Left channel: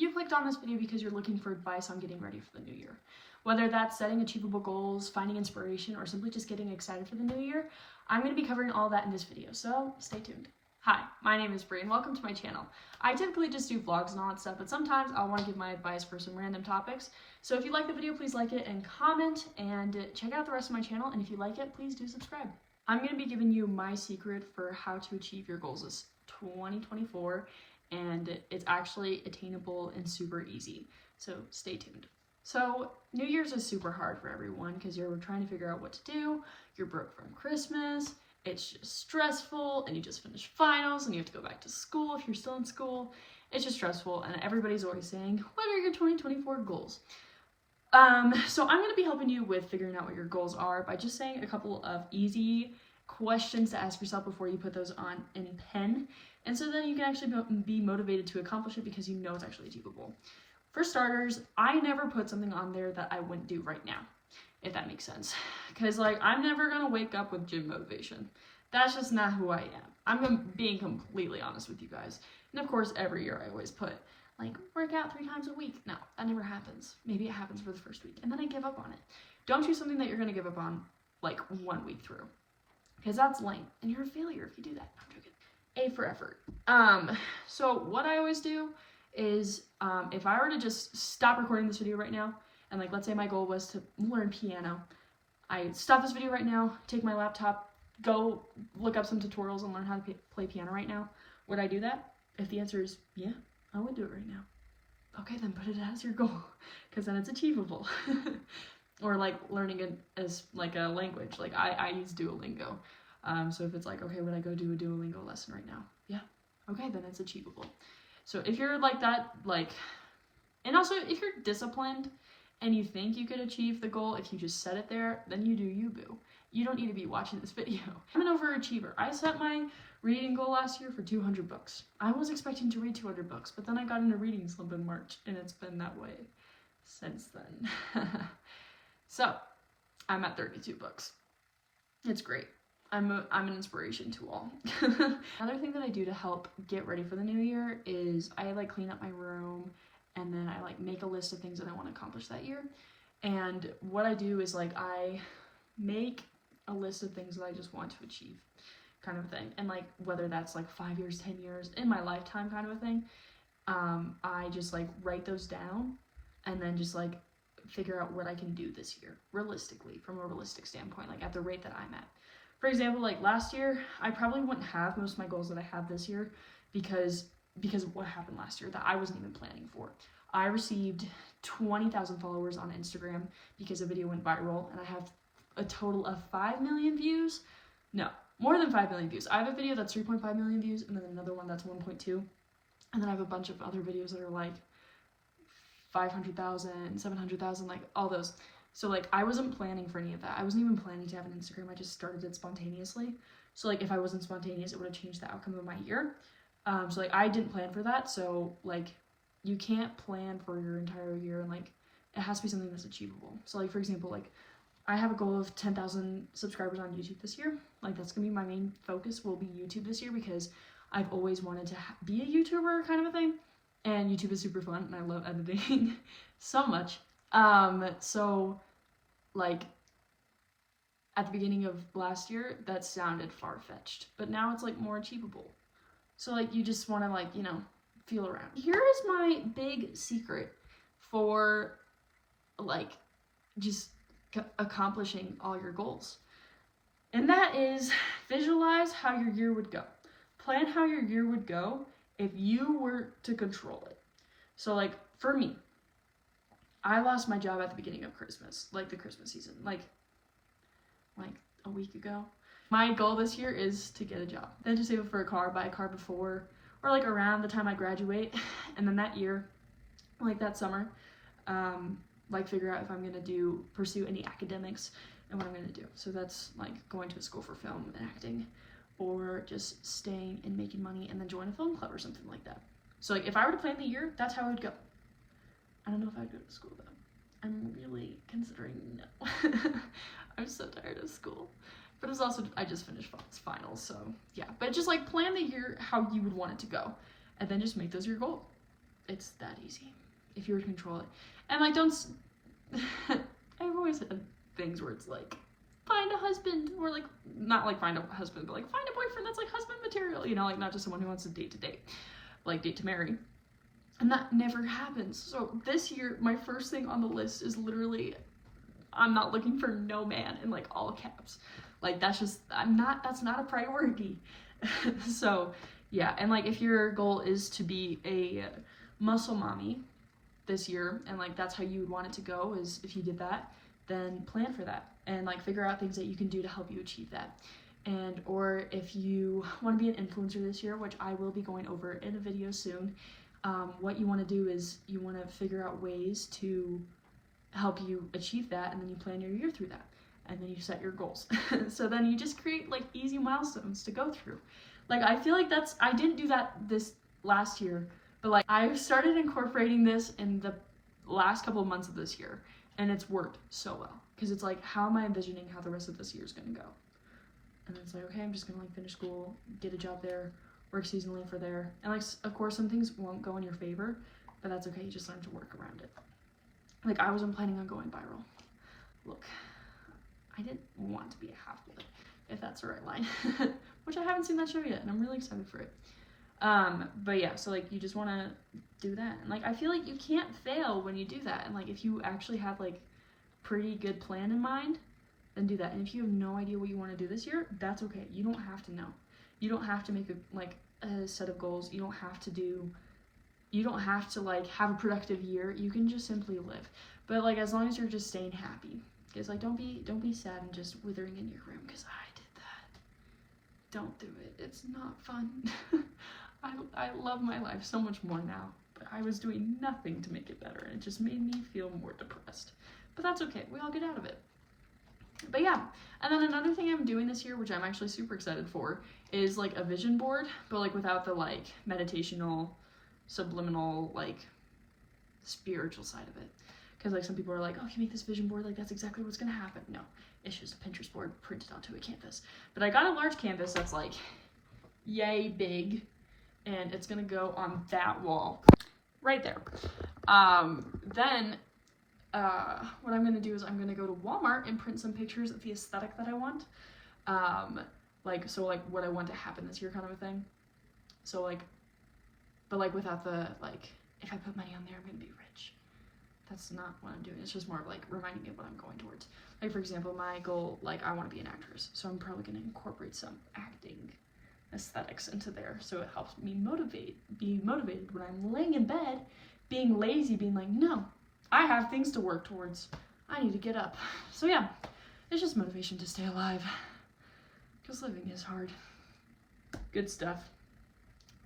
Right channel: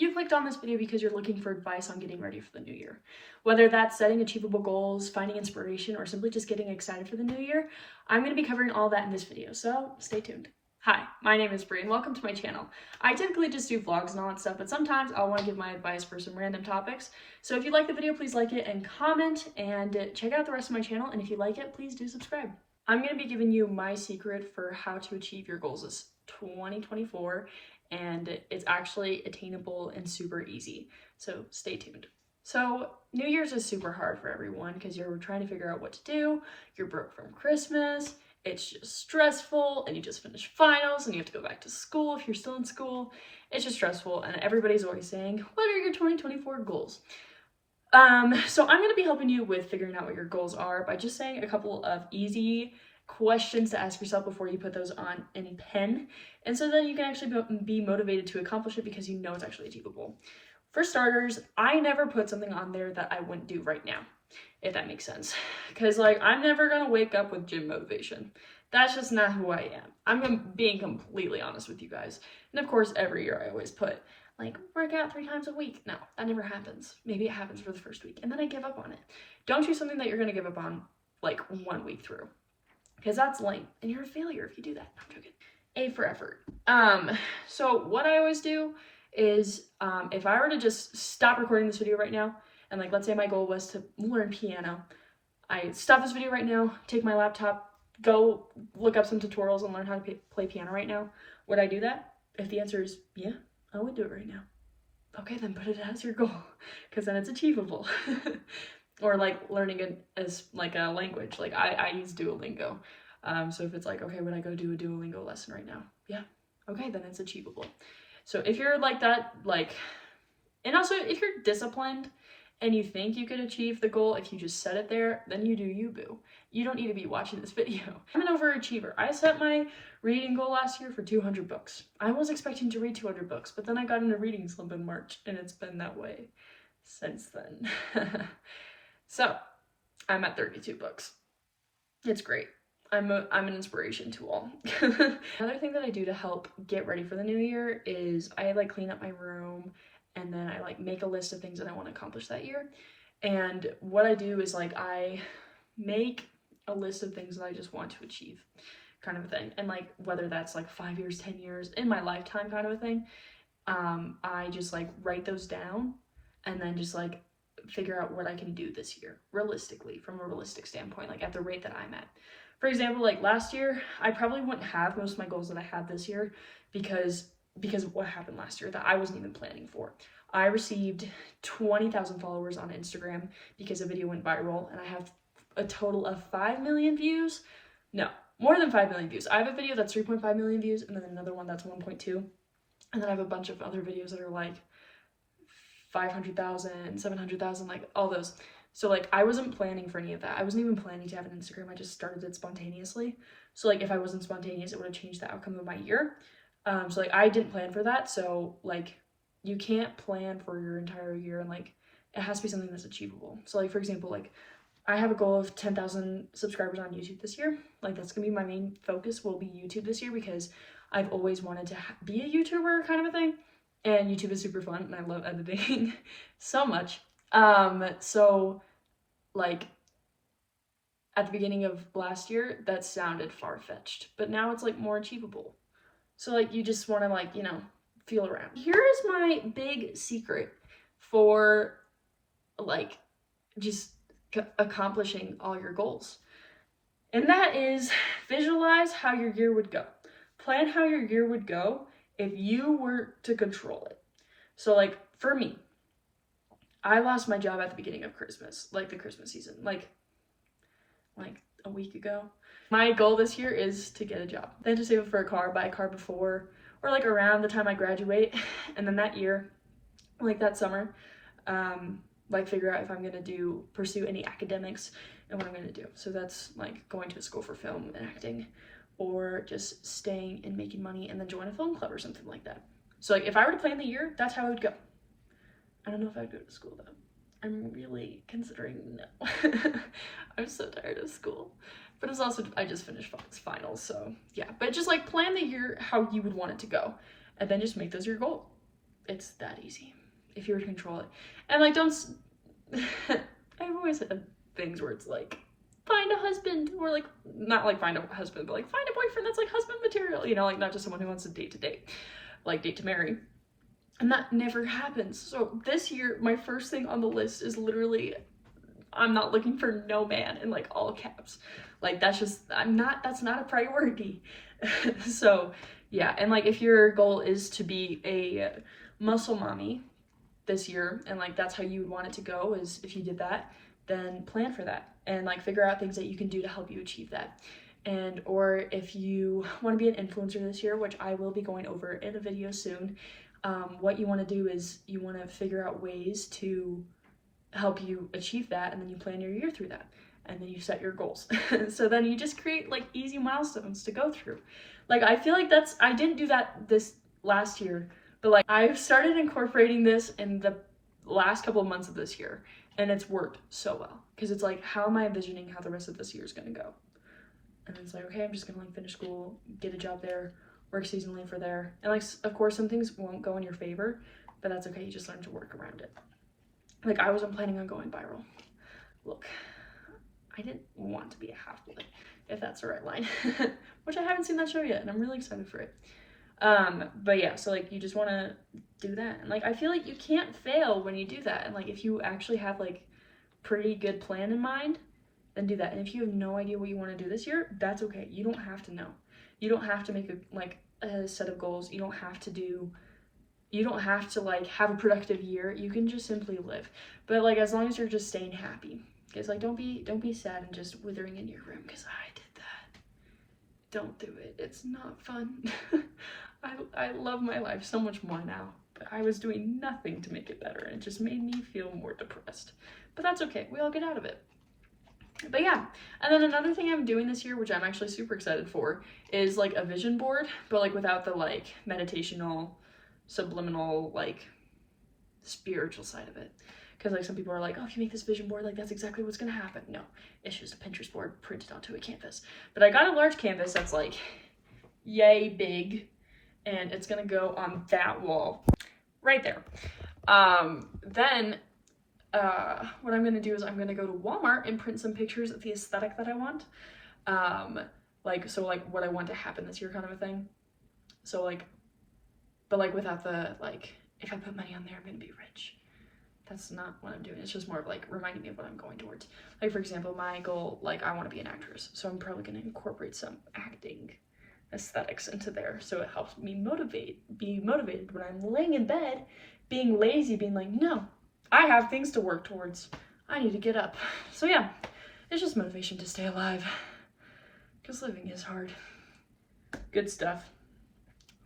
You clicked on this video because you're looking for advice on getting ready for the new year. Whether that's setting achievable goals, finding inspiration, or simply just getting excited for the new year, I'm going to be covering all that in this video, so stay tuned. Hi, my name is Brie and welcome to my channel. I typically just do vlogs and all that stuff, but sometimes I'll want to give my advice for some random topics. So if you like the video, please like it and comment, and check out the rest of my channel, and if you like it, please do subscribe. I'm going to be giving you my secret for how to achieve your goals this 2024, and it's actually attainable and super easy, so stay tuned. So New Year's is super hard for everyone because you're trying to figure out what to do, you're broke from Christmas, it's just stressful, and you just finished finals and you have to go back to school if you're still in school. It's just stressful, and everybody's always saying, what are your 2024 goals? So I'm going to be helping you with figuring out what your goals are by just saying a couple of easy questions to ask yourself before you put those on any pen, and so then you can actually be motivated to accomplish it because you know it's actually achievable. For starters, I never put something on there that I wouldn't do right now, if that makes sense, because like I'm never gonna wake up with gym motivation. That's just not who I am. I'm being completely honest with you guys. And of course, every year I always put like work out 3 times a week. No, that never happens. Maybe it happens for the first week and then I give up on it. Don't choose something that you're gonna give up on like 1 week through, because that's lame and you're a failure if you do that. I'm joking. A for effort. So what I always do is if I were to just stop recording this video right now, and like let's say my goal was to learn piano, I stop this video right now, take my laptop, go look up some tutorials and learn how to play piano right now, would I do that? If the answer is yeah, I would do it right now. Okay, then put it as your goal, because then it's achievable. Or like learning as like a language, like I use Duolingo. So if it's like, okay, would I go do a Duolingo lesson right now? Yeah. Okay, then it's achievable. So if you're like that, like, and also if you're disciplined and you think you could achieve the goal, if you just set it there, then you do you, boo. You don't need to be watching this video. I'm an overachiever. I set my reading goal last year for 200 books. I was expecting to read 200 books, but then I got in a reading slump in March, and it's been that way since then. So I'm at 32 books. It's great. I'm an inspiration to all. Another thing that I do to help get ready for the new year is I like clean up my room, and then I like make a list of things that I want to accomplish that year. And what I do is like I make a list of things that I just want to achieve, kind of a thing. And like whether that's like 5 years, 10 years, in my lifetime kind of a thing, I just like write those down and then just like figure out what I can do this year realistically, from a realistic standpoint, like at the rate that I'm at. For example, like last year, I probably wouldn't have most of my goals that I had this year because of what happened last year that I wasn't even planning for. I received 20,000 followers on Instagram because a video went viral, and I have a total of 5 million views. No, more than 5 million views. I have a video that's 3.5 million views, and then another one that's 1.2. And then I have a bunch of other videos that are like 500,000, 700,000, like all those. So like I wasn't planning for any of that. I wasn't even planning to have an Instagram. I just started it spontaneously. So like if I wasn't spontaneous, it would have changed the outcome of my year. So like I didn't plan for that. So like you can't plan for your entire year, and like it has to be something that's achievable. So like for example, like I have a goal of 10,000 subscribers on YouTube this year. Like that's gonna be my main focus, will be YouTube this year, because I've always wanted to be a YouTuber kind of a thing. And YouTube is super fun, and I love editing so much. So like at the beginning of last year, that sounded far-fetched, but now it's like more achievable. So like you just want to like, you know, feel around. Here is my big secret for like just accomplishing all your goals. And that is visualize how your year would go. Plan how your year would go if you were to control it. So like for me, I lost my job at the beginning of Christmas, like the Christmas season, like a week ago. My goal this year is to get a job, then to save up for a car, buy a car before, or like around the time I graduate, and then that year, like that summer, like figure out if I'm gonna pursue any academics and what I'm gonna do. So that's like going to a school for film and acting, or just staying and making money and then join a film club or something like that. So like if I were to plan the year, that's how it would go. I don't know if I'd go to school though. I'm really considering no. I'm so tired of school. But it's also, I just finished finals, so yeah. But just like plan the year how you would want it to go, and then just make those your goal. It's that easy if you were to control it. And like, don't I've always had things where it's like, find a husband, or like, not like find a husband, but like find a boyfriend that's like husband material, you know, like not just someone who wants to date, like date to marry. And that never happens. So this year, my first thing on the list is literally, I'm not looking for no man, in like all caps. Like that's not a priority. So yeah, and like if your goal is to be a muscle mommy this year, and like that's how you would want it to go, is if you did that, then plan for that and like figure out things that you can do to help you achieve that. And or if you want to be an influencer this year, which I will be going over in a video soon, what you want to do is you want to figure out ways to help you achieve that, and then you plan your year through that, and then you set your goals. So then you just create like easy milestones to go through. Like I feel like I didn't do that this last year, but like I've started incorporating this in the last couple of months of this year, and it's worked so well, because it's like, how am I envisioning how the rest of this year is going to go? And it's like, okay, I'm just gonna like finish school, get a job there, work seasonally for there, and like of course some things won't go in your favor, but that's okay, you just learn to work around it. Like I wasn't planning on going viral. Look, I didn't want to be a half-blood, if that's the right line, which I haven't seen that show yet, and I'm really excited for it. But yeah, so like you just want to do that, and like I feel like you can't fail when you do that, and like if you actually have like pretty good plan in mind, then do that. And if you have no idea what you want to do this year, that's okay. You don't have to know. You don't have to make a set of goals. You don't have to like have a productive year. You can just simply live. But like as long as you're just staying happy. Because like don't be sad and just withering in your room, because I did that. Don't do it. It's not fun. I love my life so much more now. But I was doing nothing to make it better, and it just made me feel more depressed. But that's okay. We all get out of it. But yeah, and then another thing I'm doing this year, which I'm actually super excited for, is like a vision board, but like without the like meditational, subliminal, like spiritual side of it. Because like some people are like, oh, if you make this vision board, like that's exactly what's gonna happen. No, it's just a Pinterest board printed onto a canvas. But I got a large canvas that's like yay big, and it's gonna go on that wall right there. Then what I'm gonna do is I'm gonna go to Walmart and print some pictures of the aesthetic that I want. Like what I want to happen this year kind of a thing. So like, but like without the like, if I put money on there, I'm gonna be rich. That's not what I'm doing. It's just more of like reminding me of what I'm going towards. Like for example, my goal, like I want to be an actress, so I'm probably gonna incorporate some acting aesthetics into there, so it helps me be motivated when I'm laying in bed, being lazy, being like, no, I have things to work towards. I need to get up. So yeah, it's just motivation to stay alive, because living is hard. Good stuff.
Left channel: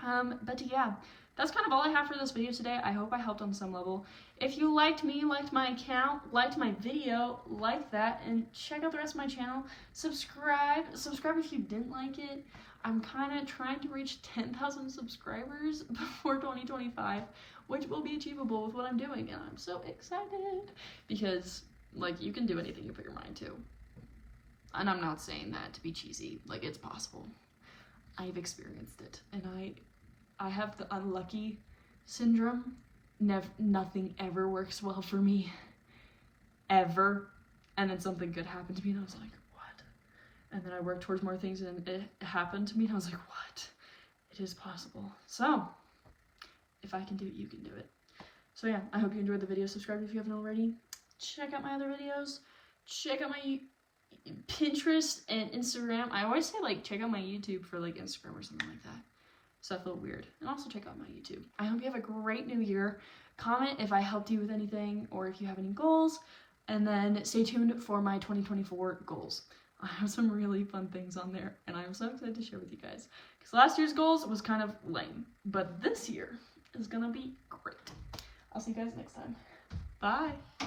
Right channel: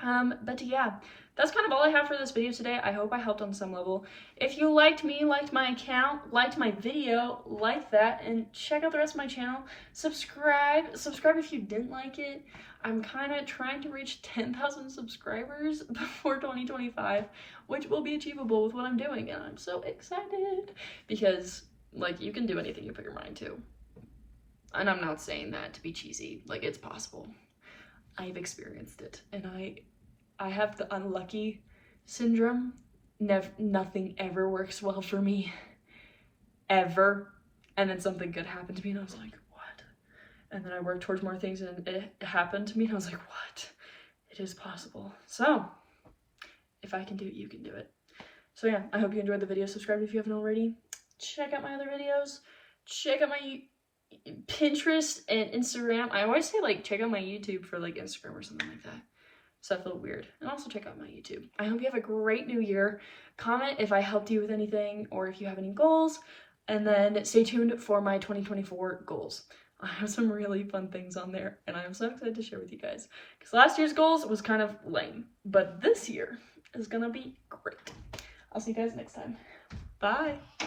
But yeah, that's kind of all I have for this video today. I hope I helped on some level. If you liked me, liked my account, liked my video, like that, and check out the rest of my channel. Subscribe if you didn't like it. I'm kind of trying to reach 10,000 subscribers before 2025, which will be achievable with what I'm doing, and I'm so excited, because like you can do anything you put your mind to. And I'm not saying that to be cheesy, like it's possible. I've experienced it, and I have the unlucky syndrome. Nothing ever works well for me, ever. And then something good happened to me, and I was like, what? And then I worked towards more things, and it happened to me, and I was like, what? It is possible. So, if I can do it, you can do it. So yeah, I hope you enjoyed the video. Subscribe if you haven't already. Check out my other videos. Check out my Pinterest and Instagram. I always say like check out my YouTube for like Instagram or something like that. So I feel weird. And also check out my YouTube. I hope you have a great new year. Comment if I helped you with anything, or if you have any goals, and then stay tuned for my 2024 goals. I have some really fun things on there, and I'm so excited to share with you guys, because last year's goals was kind of lame, but this year is gonna be great. I'll see you guys next time. Bye.